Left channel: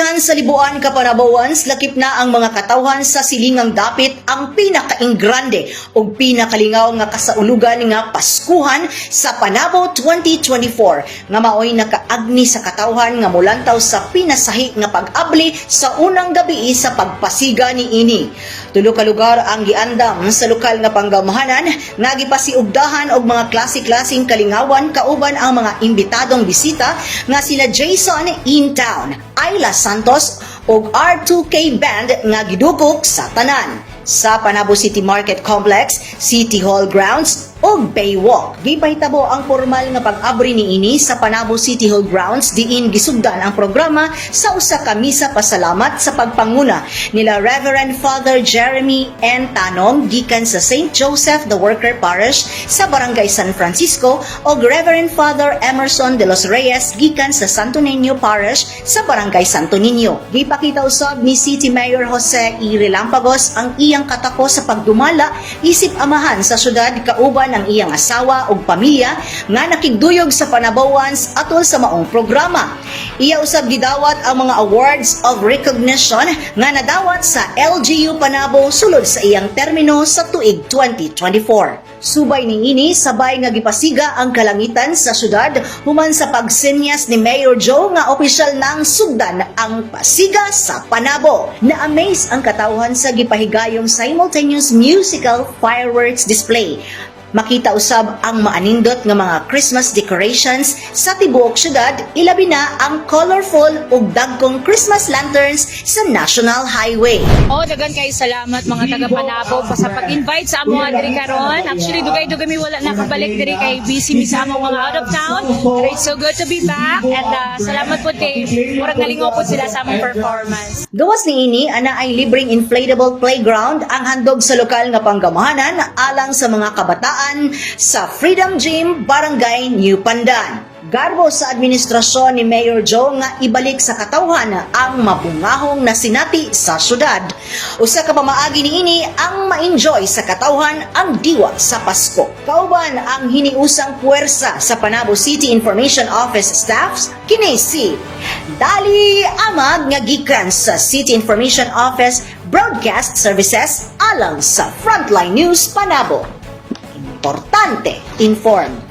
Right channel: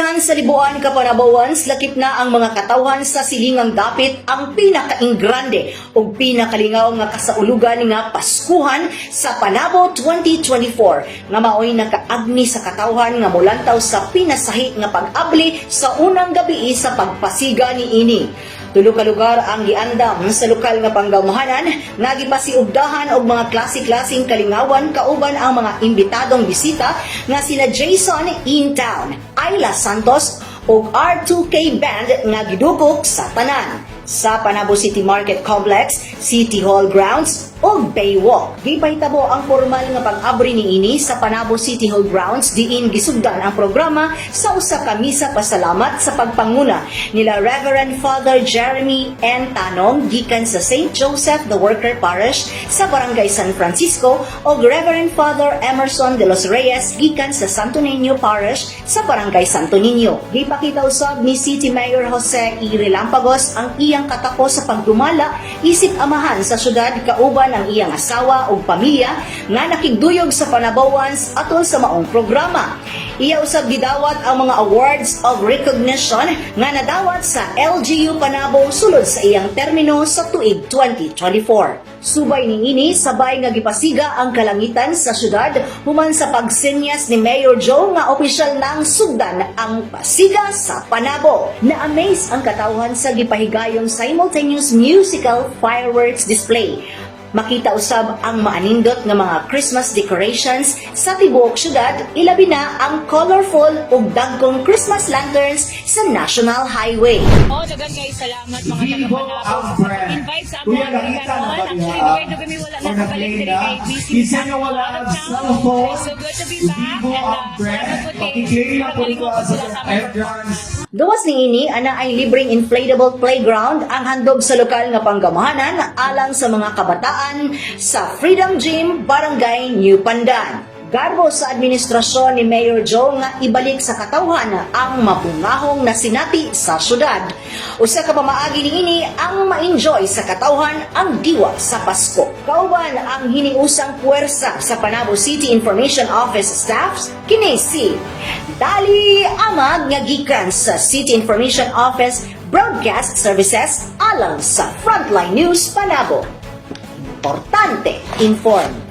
Basihan sa libuan ka Panabawans, lakip na ang mga katawhan sa silingang dapit ang pinakainggrande o pinakalingaw nga kasaulugan nga Paskuhan sa Panabo 2024 nga maoy nakaagni sa katawhan nga mulantaw sa pinasahi nga pag-abli sa unang gabi sa pagpasiga ni ini. Tulo ka lugar ang giandam sa lokal nga panggamuhanan nga gipasiugdahan og mga klase-klaseng kalingawan kauban ang mga imbitadong bisita nga sila Jason in Town, Ayla Santos ug R2K Band nga gidukok sa tanan sa Panabo City Market Complex, City Hall Grounds ug Baywalk. Gipahitabo ang formal nga pag-abri niini sa Panabo City Hall Grounds diin gisugdan ang programa sa usa ka misa pasalamat sa pagpanguna nila Reverend Father Jeremy N. Tanom gikan sa St. Joseph the Worker Parish sa Barangay San Francisco ug Reverend Father Emerson de los Reyes gikan sa Santo Niño Parish sa Barangay Santo Niño. Gipakita usab ni City Mayor Jose E. Relampagos ang iyang katako sa pagdumala isip amahan sa syudad kauban ang iyang asawa ug pamilya nga nakigduyog sa Panabawans atol sa maong programa. Iya usab gidawat ang mga awards of recognition nga nadawat sa LGU Panabo sulod sa iyang termino sa tuig 2024. Subay niini sabay nga gipasiga ang kalangitan sa syudad human sa pagsenyas ni Mayor Joe nga opisyal nang sugdan ang pasiga sa Panabo. Na-amaze ang katawhan sa gipahigayong simultaneous musical fireworks display. Makita usab ang maanindot nga mga Christmas decorations sa tibuok syudad, ilabi na ang colorful ug dagkong Christmas lanterns sa National Highway. Dagan kay salamat mga taga Panabo sa pag-invite sa amo diri karon. Actually dugay-dugay mi wala nakabalik diri kay busy sa amo out of town. It's so good to be back and salamat po kay murag nalingaw po sila sa among performance. Gawas niini ana ay libreng inflatable playground ang handog sa lokal nga panggamuhanan alang sa mga kabataan sa Freedom Gym, Barangay New Pandan. Garbo sa administrasyon ni Mayor Joe nga ibalik sa katawhan ang mabungahong na sinati sa syudad. Usa ka pamaagi niini ang ma-enjoy sa katawhan ang diwa sa Pasko. Kauban ang hiniusang puwersa sa Panabo City Information Office staffs kini si Dali Amag nga gikan sa City Information Office Broadcast Services alang sa Frontline News Panabo. Importante, inform.